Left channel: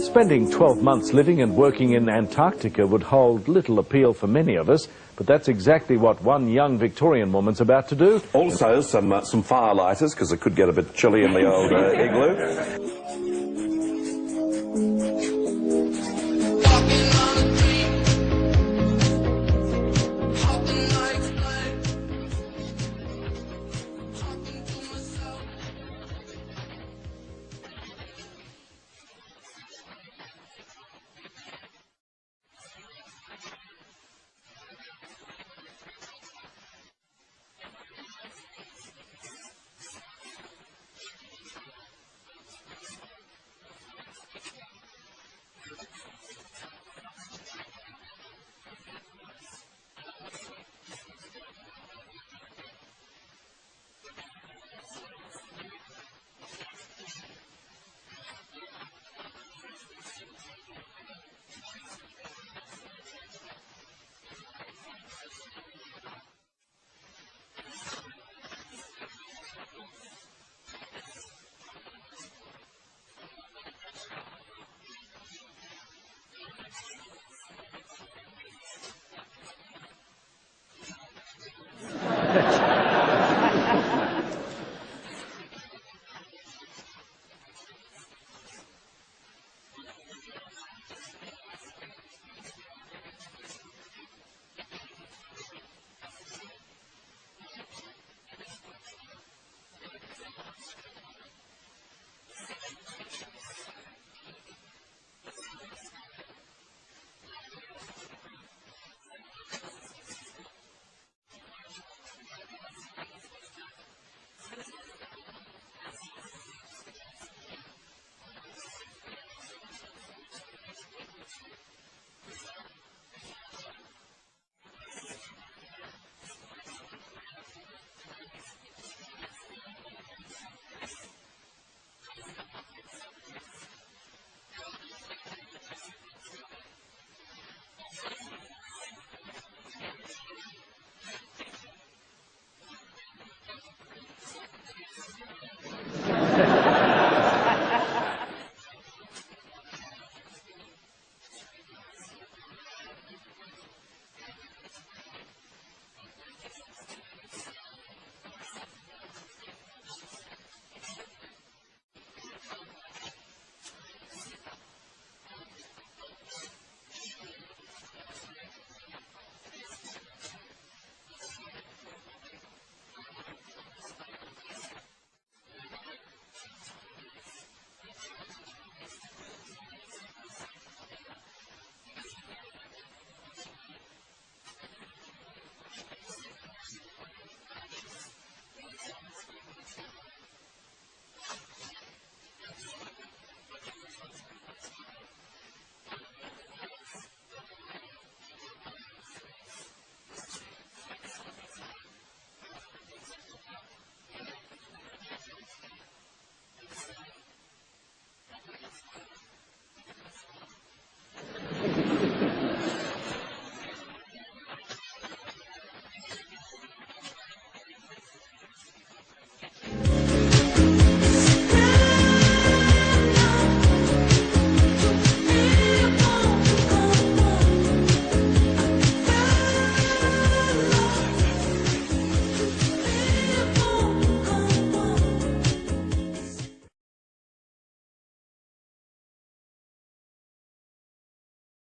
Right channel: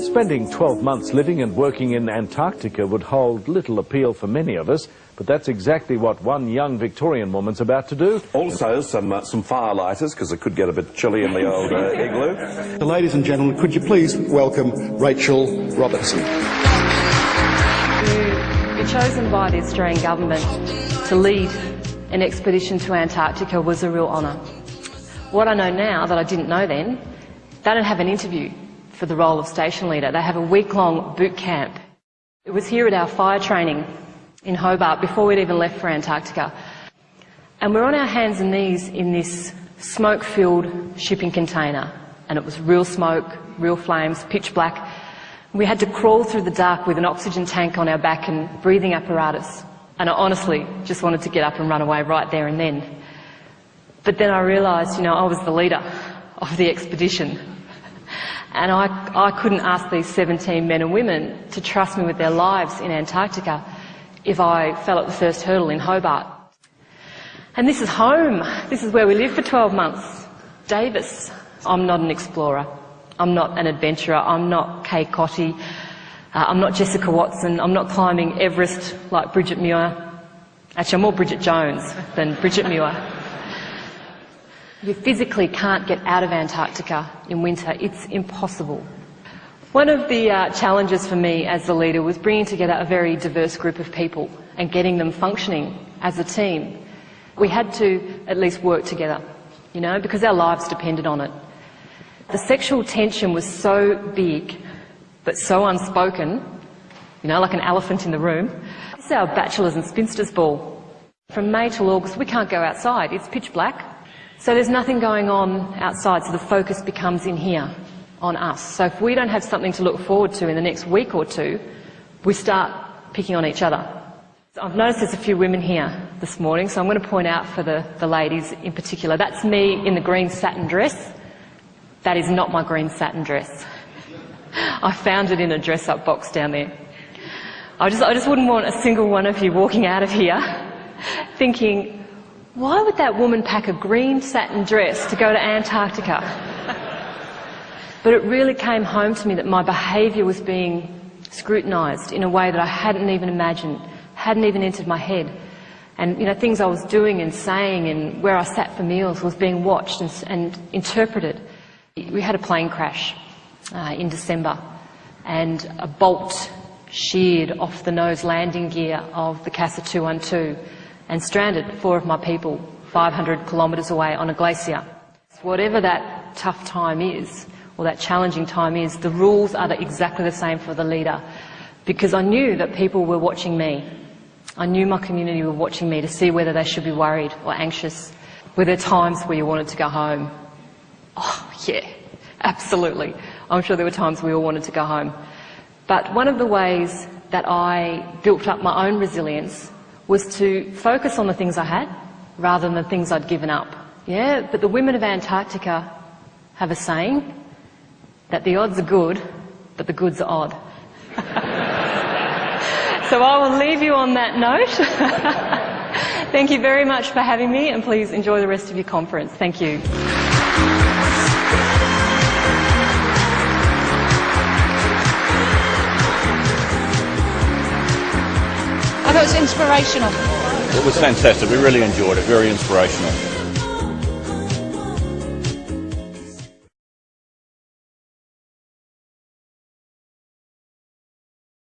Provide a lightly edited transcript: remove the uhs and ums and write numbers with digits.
Spending 12 months living and working in Antarctica would hold little appeal for many of us, but that's exactly what one young Victorian woman's about to do. Also some firelighters, because it could get a bit chilly in the old igloo. Ladies and gentlemen, could you please welcome Rachael Robertson. To be chosen by the Australian government to lead an expedition to Antarctica was a real honour. What I know now that I didn't know then, they don't have an interview for the role of station leader. They have a week-long boot camp. It was here at our fire training in Hobart before we'd even left for Antarctica. And we're on our hands and knees in this smoke-filled shipping container. And it was real smoke, real flames, pitch black. We had to crawl through the dark with an oxygen tank on our back and breathing apparatus. And I honestly just wanted to get up and run away right there and then. But then I realised, I was the leader of the expedition. And I couldn't ask these 17 men and women to trust me with their lives in Antarctica if I fell at the first hurdle in Hobart. And this is home. This is where we lived for 12 months. Davis. I'm not an explorer. I'm not an adventurer. I'm not Kay Cotty. I'm not Jessica Watson. I'm not climbing Everest like Bridget Muir. Actually, I'm more Bridget Jones than Bridget Muir. You physically can't get out of Antarctica in winter. It's impossible. One of the challenges for me as the leader was bringing together a very diverse group of people and getting them functioning as a team. We had to at least work together, because our lives depended on it. The sexual tension was so big, but so unspoken, like an elephant in the room. This is our bachelors and spinsters ball. From May till August, we can't go outside. It's pitch black. So there's nothing going on outside, so the focus becomes in here, on us. So if we don't have something to look forward to in the next week or two, we start picking on each other. I've noticed there's a few women here this morning, so I'm going to point out for the ladies in particular. That's me in the green satin dress. That is not my green satin dress. I found it in a dress-up box down there. I just wouldn't want a single one of you walking out of here thinking, why would that woman pack a green satin dress to go to Antarctica? But it really came home to me that my behaviour was being scrutinised in a way that I hadn't even imagined, hadn't even entered my head. And, things I was doing and saying and where I sat for meals was being watched and interpreted. We had a plane crash in December, and a bolt sheared off the nose landing gear of the Casa 212 and stranded 4 of my people 500 kilometres away on a glacier. Whatever that tough time is, or that challenging time is, the rules are exactly the same for the leader, because I knew that people were watching me. I knew my community were watching me to see whether they should be worried or anxious. Were there times where you wanted to go home? Oh, yeah, absolutely. I'm sure there were times we all wanted to go home. But one of the ways that I built up my own resilience was to focus on the things I had rather than the things I'd given up. Yeah, but the women of Antarctica have a saying that the odds are good, but the goods are odd. So I will leave you on that note. Thank you very much for having me, and please enjoy the rest of your conference. Thank you. It was inspirational. It was fantastic. We really enjoyed it. Very inspirational.